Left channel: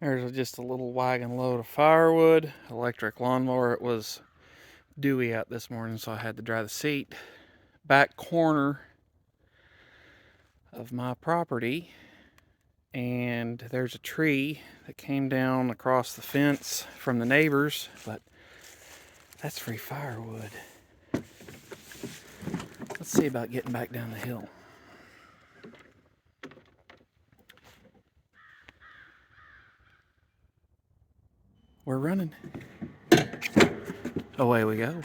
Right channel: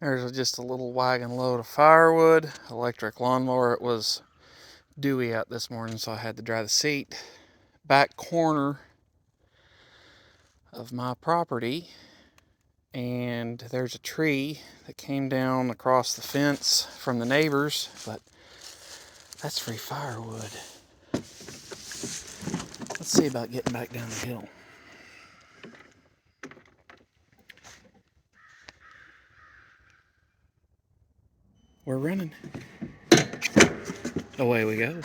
There's just a little wagon load of firewood, electric lawnmower. It was dewy out this morning, so I had to dry the seat. Back corner of my property, and there's a tree that came down across the fence from the neighbors, but that's free firewood. Let's see about getting back down the hill. We're running. Away we go.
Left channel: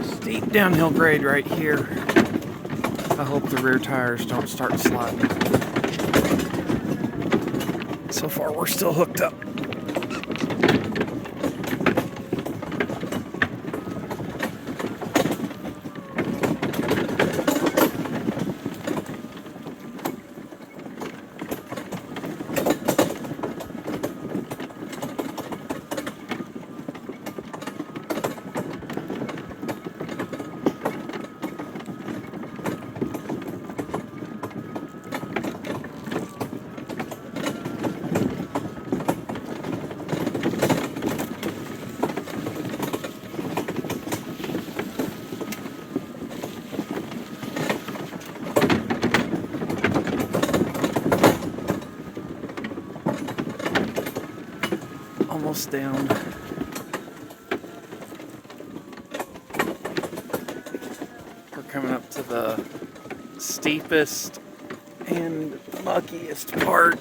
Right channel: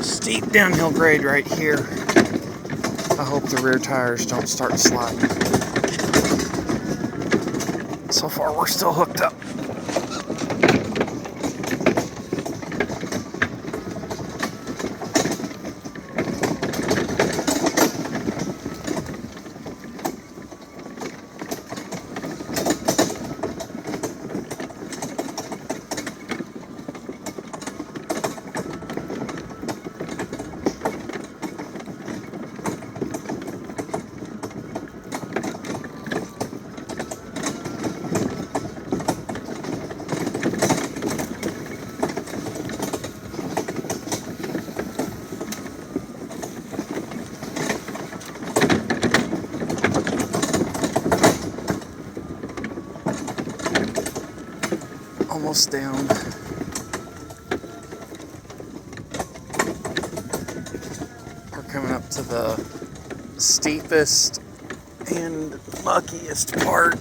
Steep downhill grade right here. I hope the rear tires don't start sliding. So far we're still hooked up. Almost down. We're coming up to the steepest and muckiest part.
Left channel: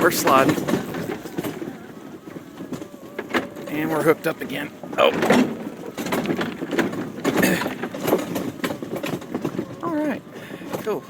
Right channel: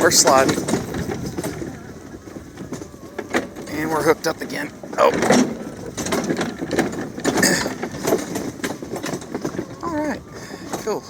We're sliding. And we're hooked up again. Oh. Alright. Cool.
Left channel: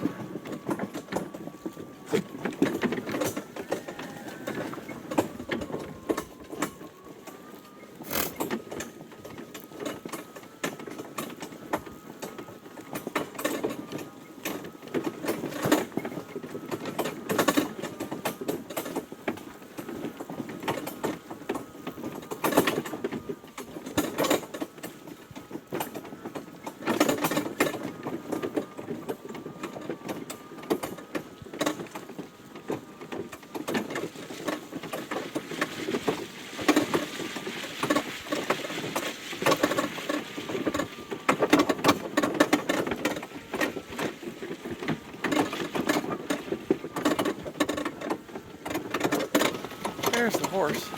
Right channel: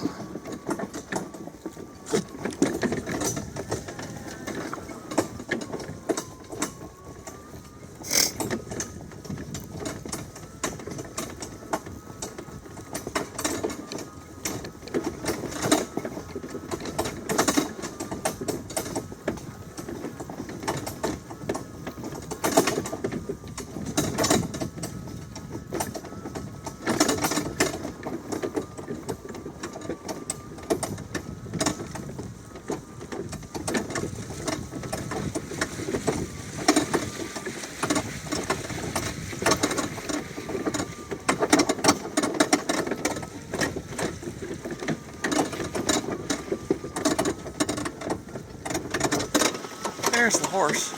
There's the horse.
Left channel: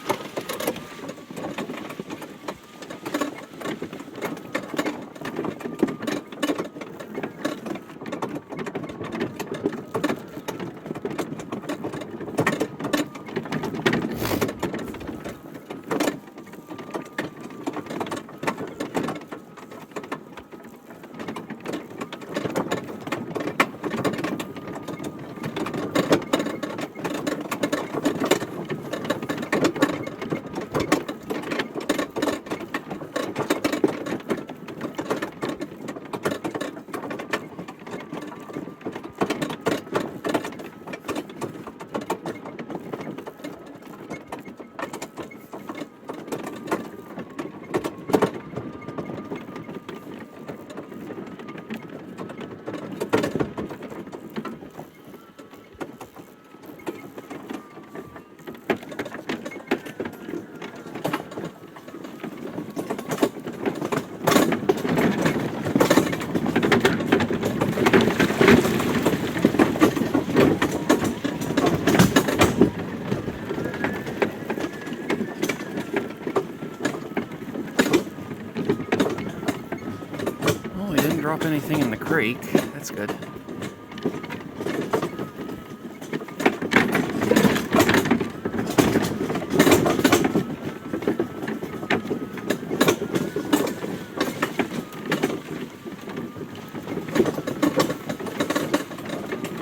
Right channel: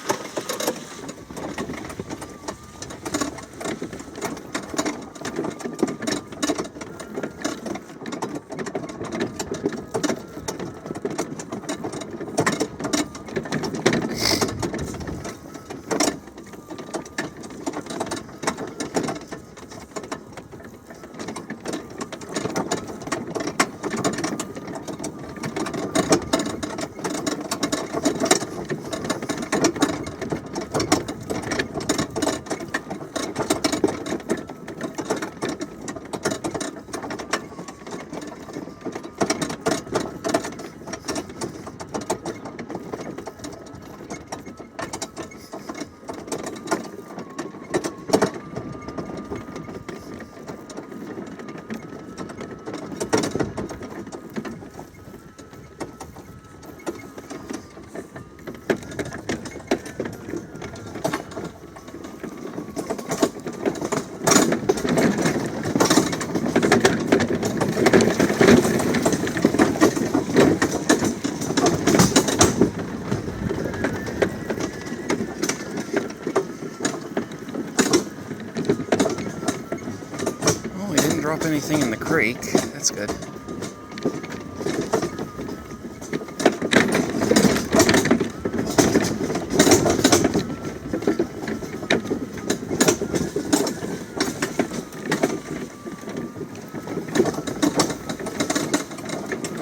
drop anything in the creek. That's good.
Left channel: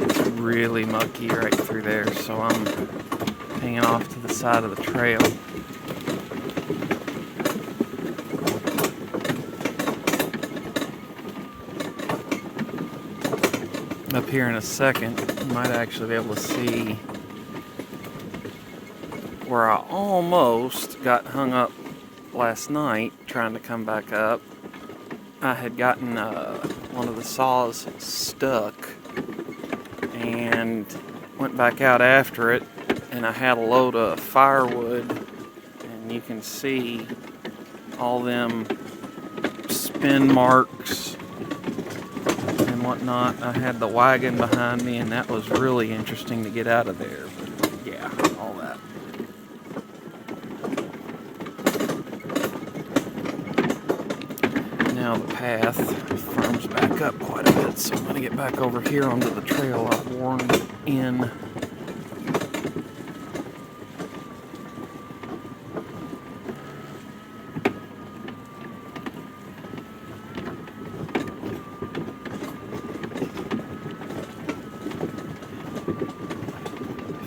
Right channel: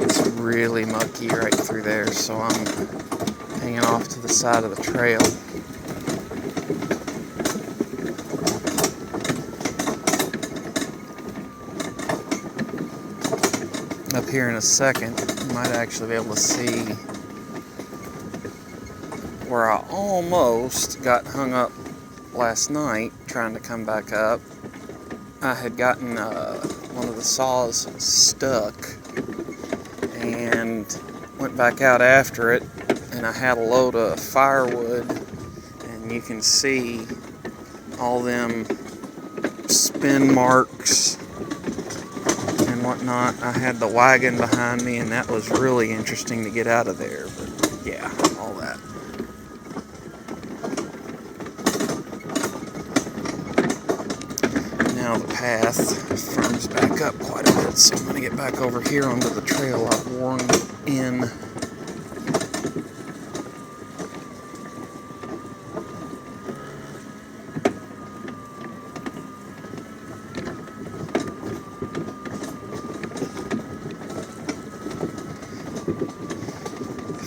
It's really mucky right through there, so I'm hanging off to the side of the trail. Up here in a second, you might actually be able to see where I almost got hung up last night trying to come back up. I had gotten one of the saws stuck and went back out after it, and I had a load of firewood, and you can see all them spin marks and whatnot. I had the wagon behind me, and that was really interesting to get out of there. But yeah, all that. Now the path firms back up quite a bit, so I'm going to get back over here onto the trail I've worn in.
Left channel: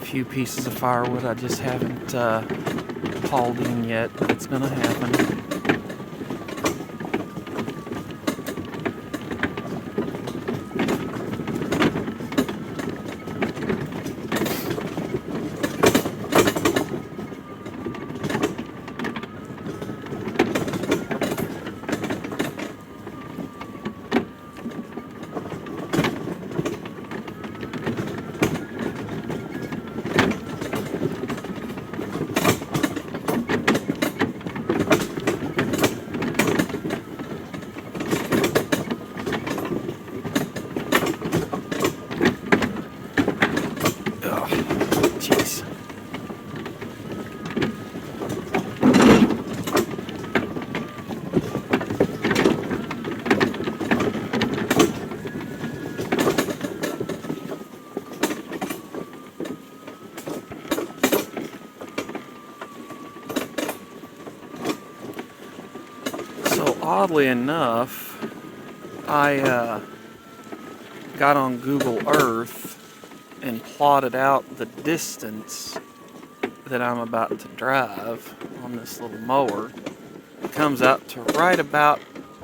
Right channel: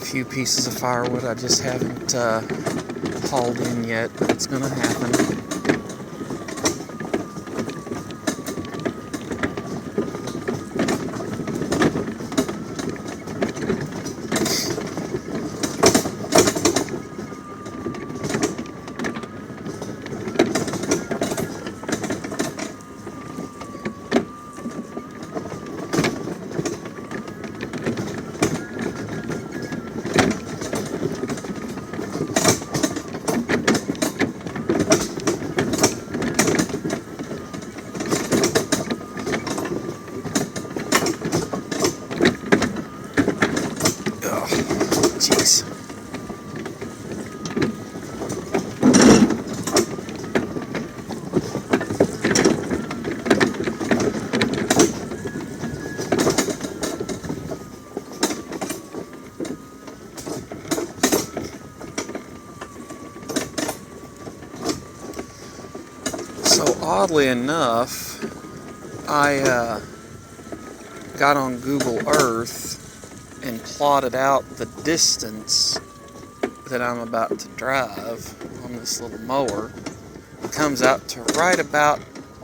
Few pieces of firewood I just haven't hauled in yet, but it's gonna happen. Jeez. So oddly enough, I got on Google Earth and plotted out the distance that I'm about to drive on this little mower. It comes out to right about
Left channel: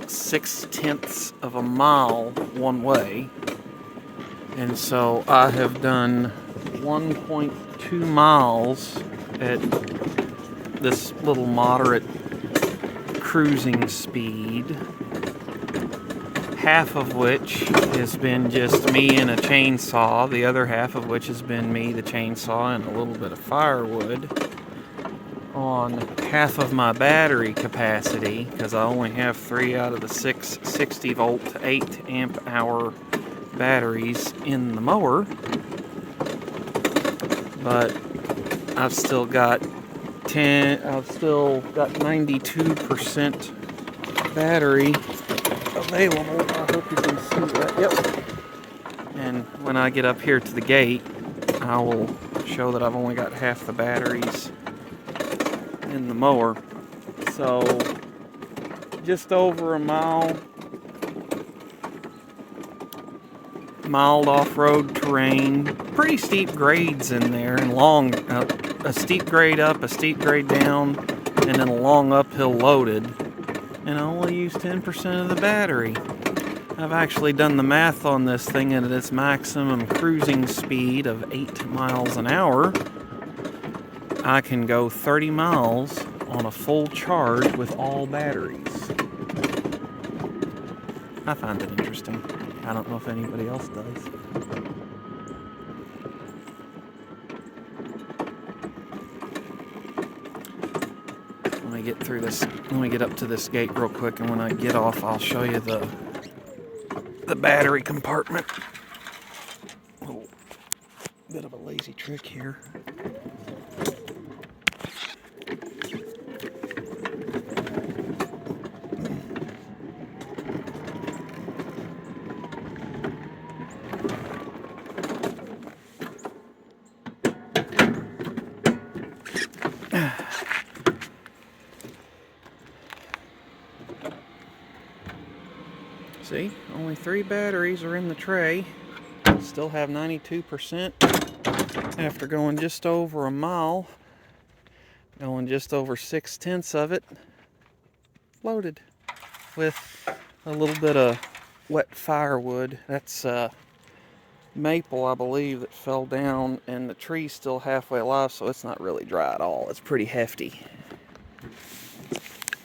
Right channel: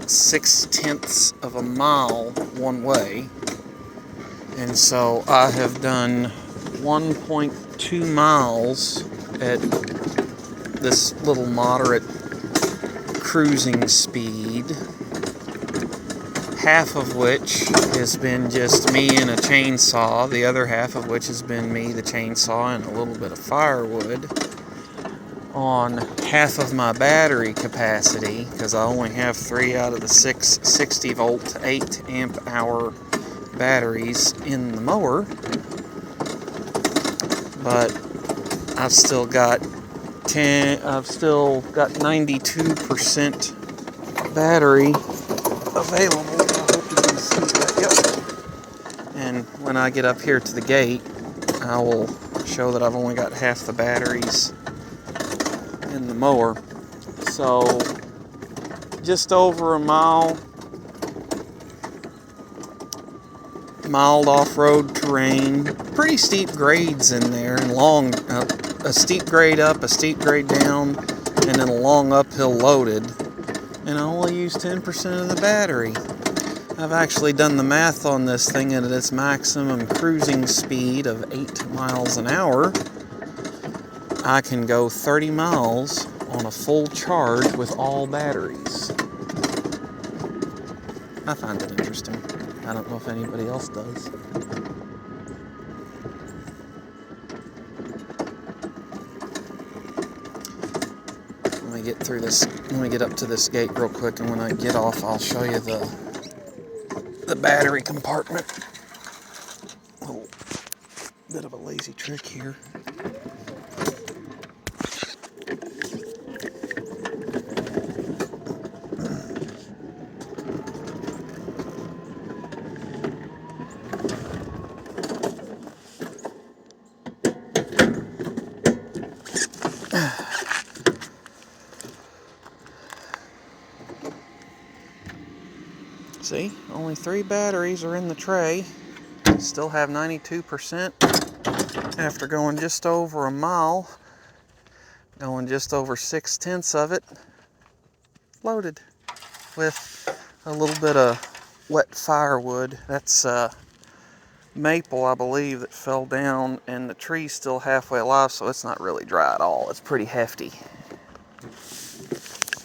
6/10 of a mile one way. And so I have done 1.2 miles at this little moderate cruising speed, half of which has been just me and a chainsaw, the other half of which has been me, the chainsaw, and a little bit of firewood on half of my battery capacity, because I only have 3 out of the 6 60 volt 8 amp hour batteries in the mower. But I've still got 92% battery available. I hope you can see that. Yep. And when I get up here to the gate, I will show that I've only got half the batteries in the mower. So just over a mile, mild off-road terrain, pretty steep grades in there, and long, a steep grade up, a steep grade down, and then a long uphill loaded. And I only use 10% of the battery. I've actually done the math on this thing, and at its maximum cruising speed of 8 miles an hour, I can go 30 miles on a full charge with all batteries. I find it interesting. I don't know if anybody else does. Let me get up to this gate real quick, and when I get off, I'll show you the battery compartment. Oh, bit of a lazy trick here. See, only 3 batteries are in the tray. Still have 92% after going just over a mile, going just over 6/10 of it, loaded with a little bit of wet firewood. That's maple, I believe, that fell down, and the tree's still halfway alive, so it's not really dry at all. It's pretty hefty.